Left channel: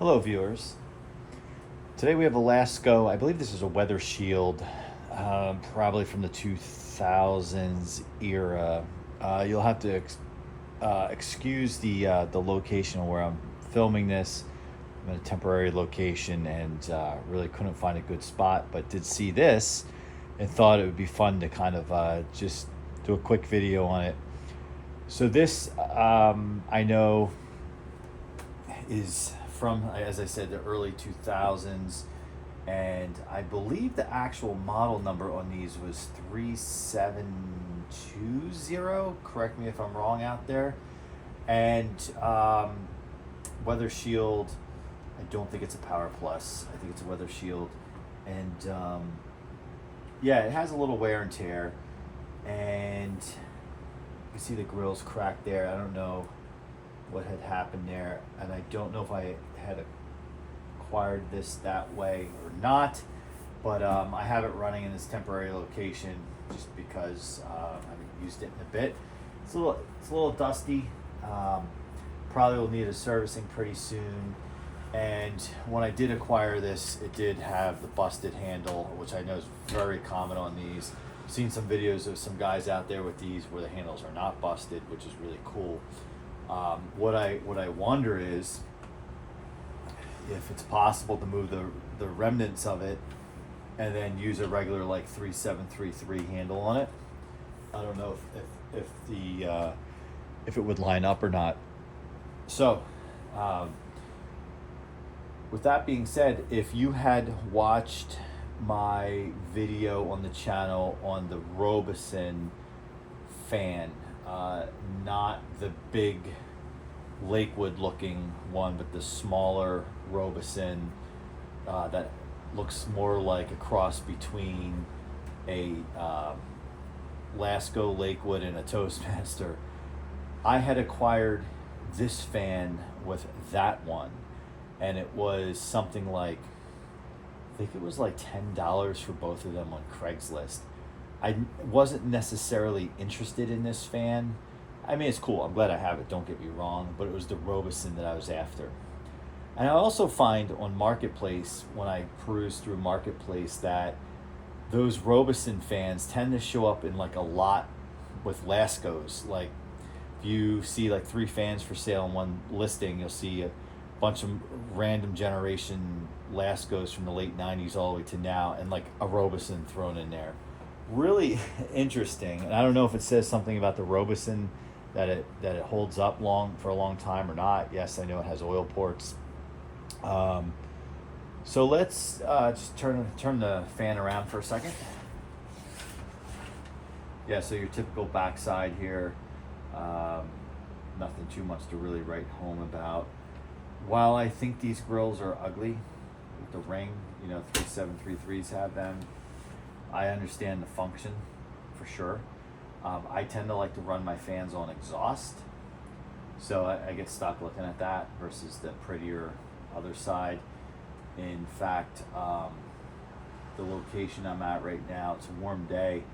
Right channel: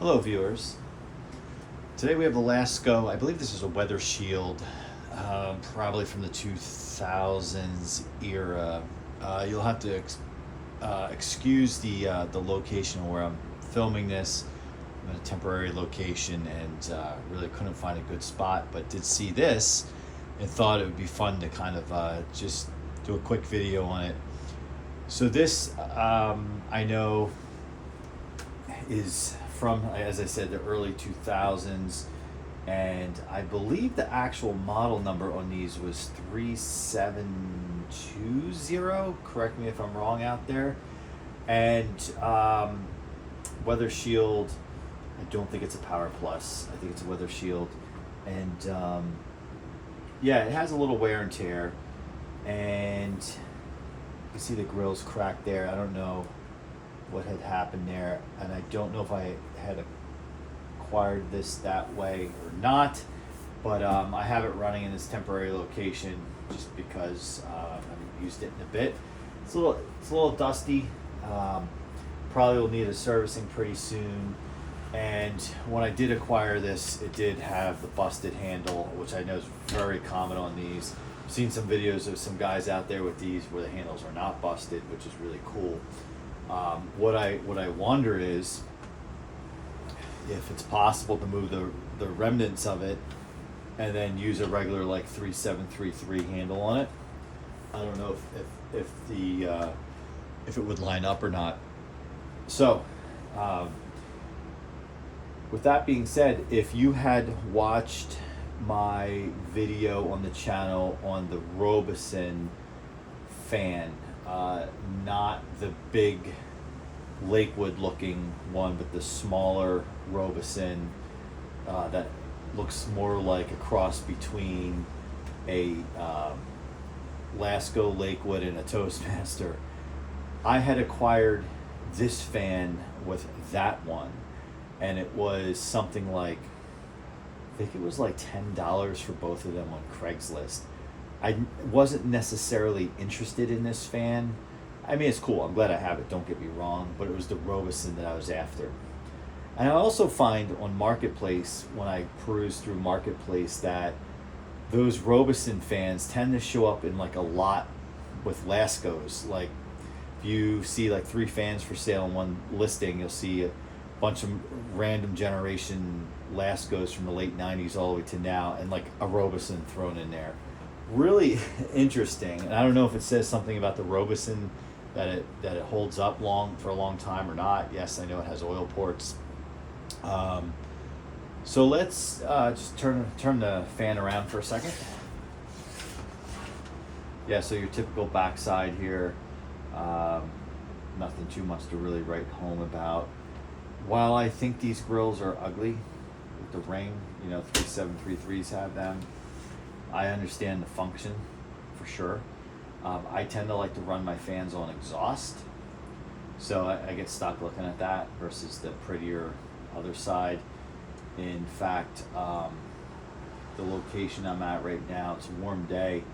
Hello viewers. Today we have a Lasko, I believe this is a Weather Shield, probably from the 2000s era. You'll have to excuse the location where I'm filming this. I'm in a temporary location and really couldn't find a good spot, but did see this and thought it would be fun to kind of just do a quick video on it. So this, I know, is from, as I said, the early 2000s, and I believe the actual model number on these was 3720. Correct me if I'm wrong out there. And Weather Shield, I don't think it's a Power Plus. I think it's a Weather Shield, and yeah, it has a little wear and tear, and you can see the grille's cracked there. I don't know what had happened there, and I don't know if I had acquired this that way or not, but I have it running in this temporary location just because I haven't used it in a bit. It's a little dusty. Probably will need a servicing pretty soon. And when I did acquire this, it did have the busted handle, which I know is very common on these. I've seen some videos of some guys out there with these where the handles are not busted, which is really cool. What I wonder is if it's possible to move the remnants of it and then use a regular like 3733 handle on it. I don't know if it would line up or not. So with that being said, if you had watched my video on the channel on the Robison fan, not the big Lakewood looking one, but the smaller Robison that looks more like a cross between a Lasko Lakewood and a Toastmaster. I had acquired this fan with that one, and it was something like, I think it was like $10 for both of them on Craigslist. I wasn't necessarily interested in this fan. I mean, it's cool. I'm glad I have it. Don't get me wrong. But it was the Robison that I was after. And I also find on Marketplace, when I peruse through Marketplace, that those Robison fans tend to show up in like a lot with Laskos. Like if you see like 3 fans for sale in one listing, you'll see a bunch of random generation Laskos from the late 90s all the way to now, and like a Robison thrown in there. Really interesting. And I don't know if it says something about the Robison that it holds up for a long time or not. Yes, I know it has oil ports. So let's just turn the fan around for a second. Yeah, so your typical backside here. Nothing too much to really write home about. While I think these grills are ugly with the ring, 3733s have them, I understand the function for sure. I tend to like to run my fans on exhaust, so I get stuck looking at that versus the prettier other side. In fact, the location I'm at right now, it's a warm day,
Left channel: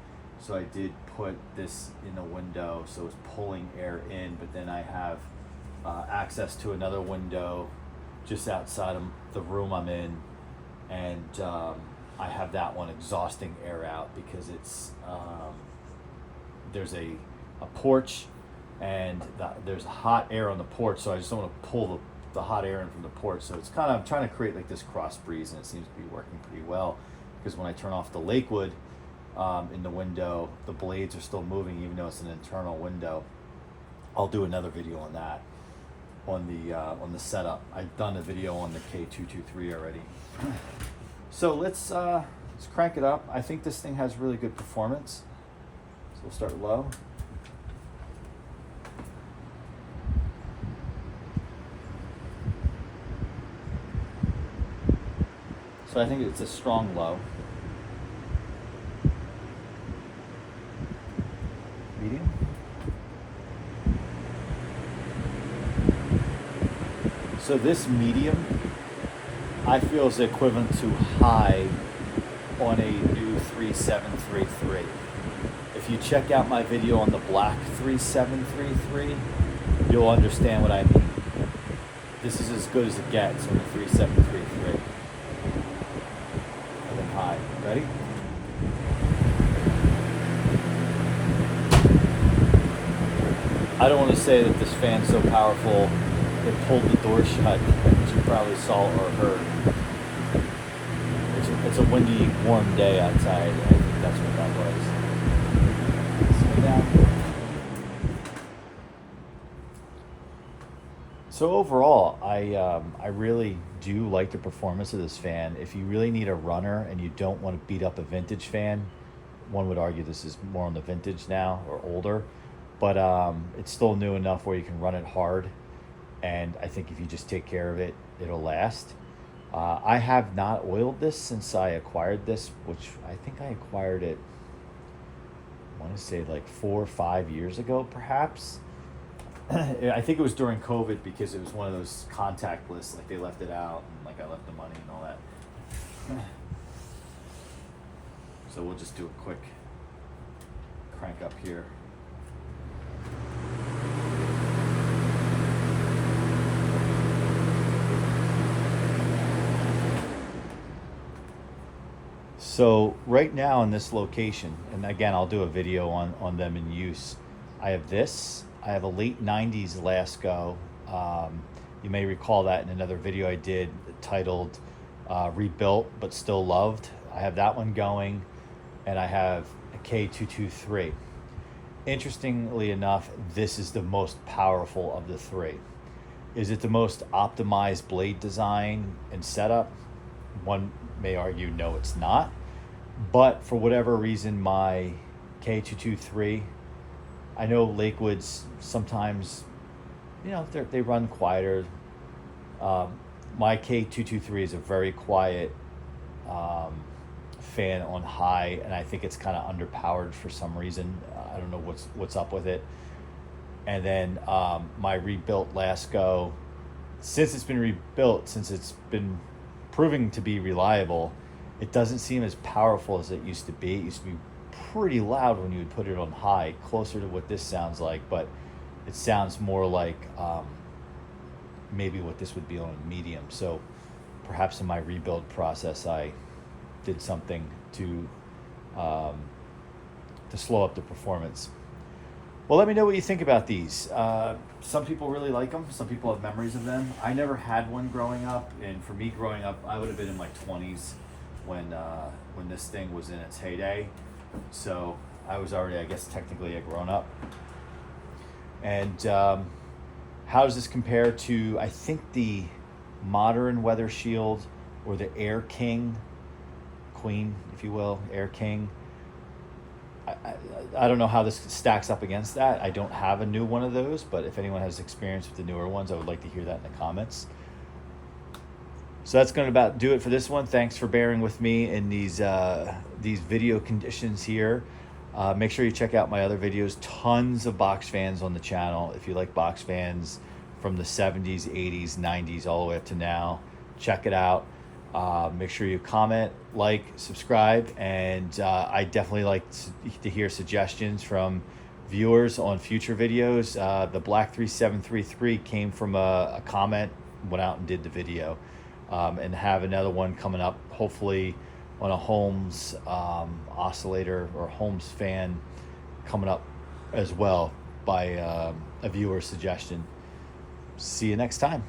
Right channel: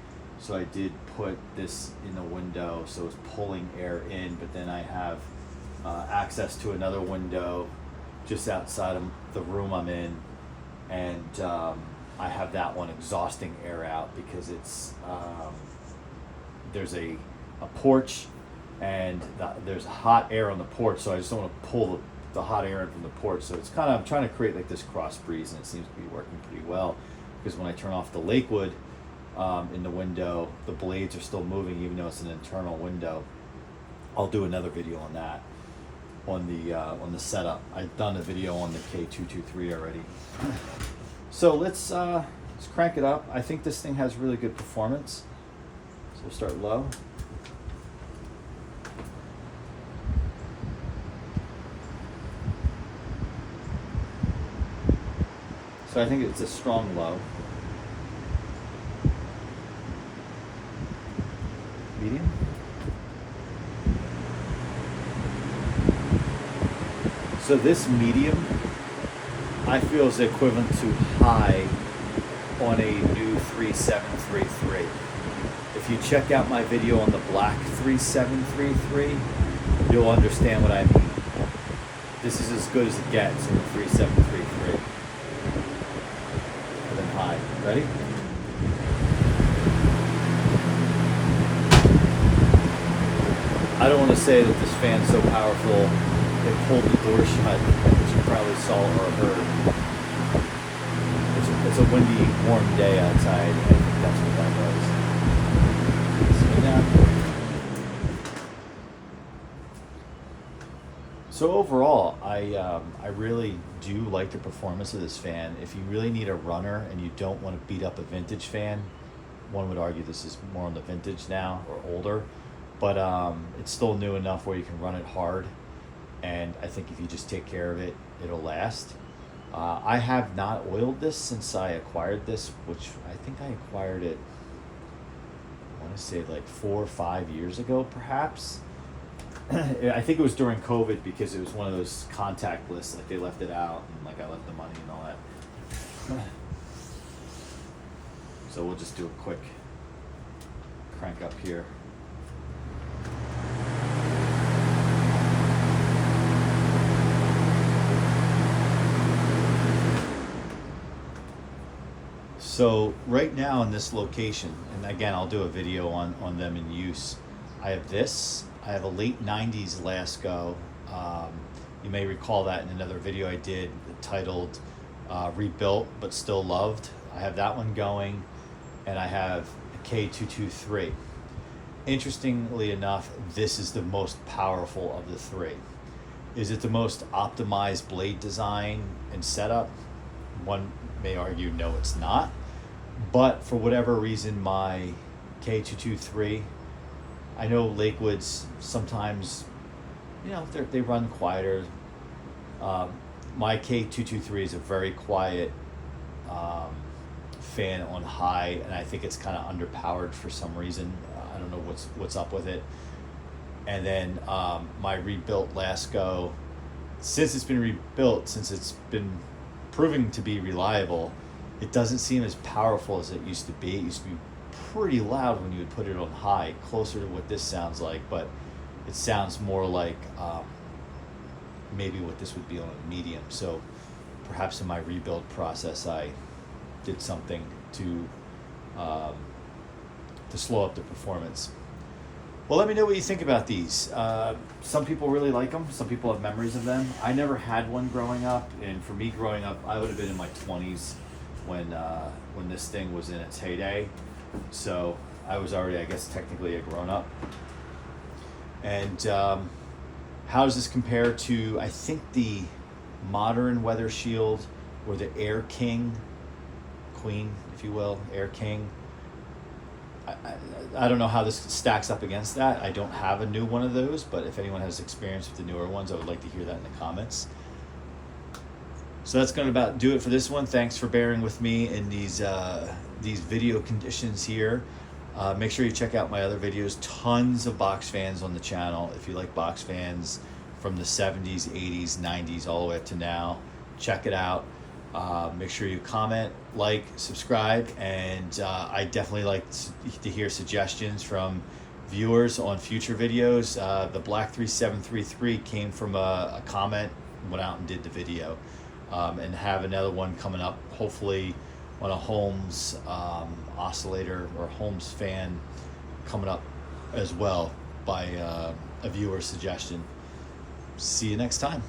so I did put this in the window so it's pulling air in, but then I have access to another window just outside of the room I'm in, and I have that one exhausting air out because it's there's a porch, and there's hot air on the porch, so I just don't want to pull the hot air in from the porch. So it's kind of, I'm trying to create like this cross breeze, and it seems to be working pretty well, because when I turn off the Lakewood in the window, the blades are still moving even though it's an internal window. I'll do another video on that on the setup. I've done a video on the K223 already. So let's crank it up. I think this thing has really good performance. So we'll start low. So I think it's a strong low. Medium. So this medium, I feel, is equivalent to high on a new 3733. If you check out my video on the black 3733, you'll understand what I mean. This is as good as it gets in the 3733. And then high. Ready? I don't want to say that this fan's so powerful it pulled the door shut, which you probably saw or heard. It's a windy, warm day outside. I think that's what that was. Slow down. So overall, I really do like the performance of this fan. If you really need a runner and you don't want to beat up a vintage fan, one would argue this is more on the vintage now or older, but it's still new enough where you can run it hard. And I think if you just take care of it, it'll last. I have not oiled this since I acquired this, which I think I acquired it, I want to say like 4 or 5 years ago, perhaps. I think it was during COVID because it was one of those contact lists, like they left it out and like I left the money and all that. So we'll just do a quick crank up here. So right now in this location, and again I'll do a video on them in use, I have this. I have a late 90s Lasko. You may recall that in another video I did titled Rebuilt But Still Loved. I have that one going, and I have a K223. Interestingly enough, this is the most powerful of the three. Is it the most optimized blade design and setup? One may argue no, it's not. But for whatever reason, my K223, I know Lakewoods sometimes, you know, they run quieter. My K223 is a very quiet fan on high, and I think it's kind of underpowered for some reason. I don't know what's up with it. And then my rebuilt Lasko, since it's been rebuilt, since it's been proving to be reliable, it doesn't seem as powerful as it used to be. It used to be pretty loud when you would put it on high, closer to what this sounds like, but it sounds more like maybe what this would be on a medium. So perhaps in my rebuild process I did something to slow up the performance. Well, let me know what you think about these. Some people really like them. Some people have memories of them. I never had one growing up, and for me growing up, I would have been in my 20s when this thing was in its heyday. So I was already, I guess, technically a grown-up. And how does this compare to, I think, the modern Weather Shield or the Air King, Queen, if you will, Air King? I don't know how this stacks up against that. I don't have a new one of those, but if anyone has experience with the newer ones, I would like to hear that in the comments. So that's going to about do it for this one. Thanks for bearing with me in these video conditions here. Make sure you check out my other videos. Tons of box fans on the channel. If you like box fans from the 70s, 80s, 90s, all the way up to now, check it out. Make sure you comment, like, subscribe, and I definitely like to hear suggestions from viewers on future videos. The Black 3733 came from a comment, went out and did the video, and have another one coming up, hopefully on a Holmes oscillator or Holmes fan coming up as well by a viewer suggestion. See you next time.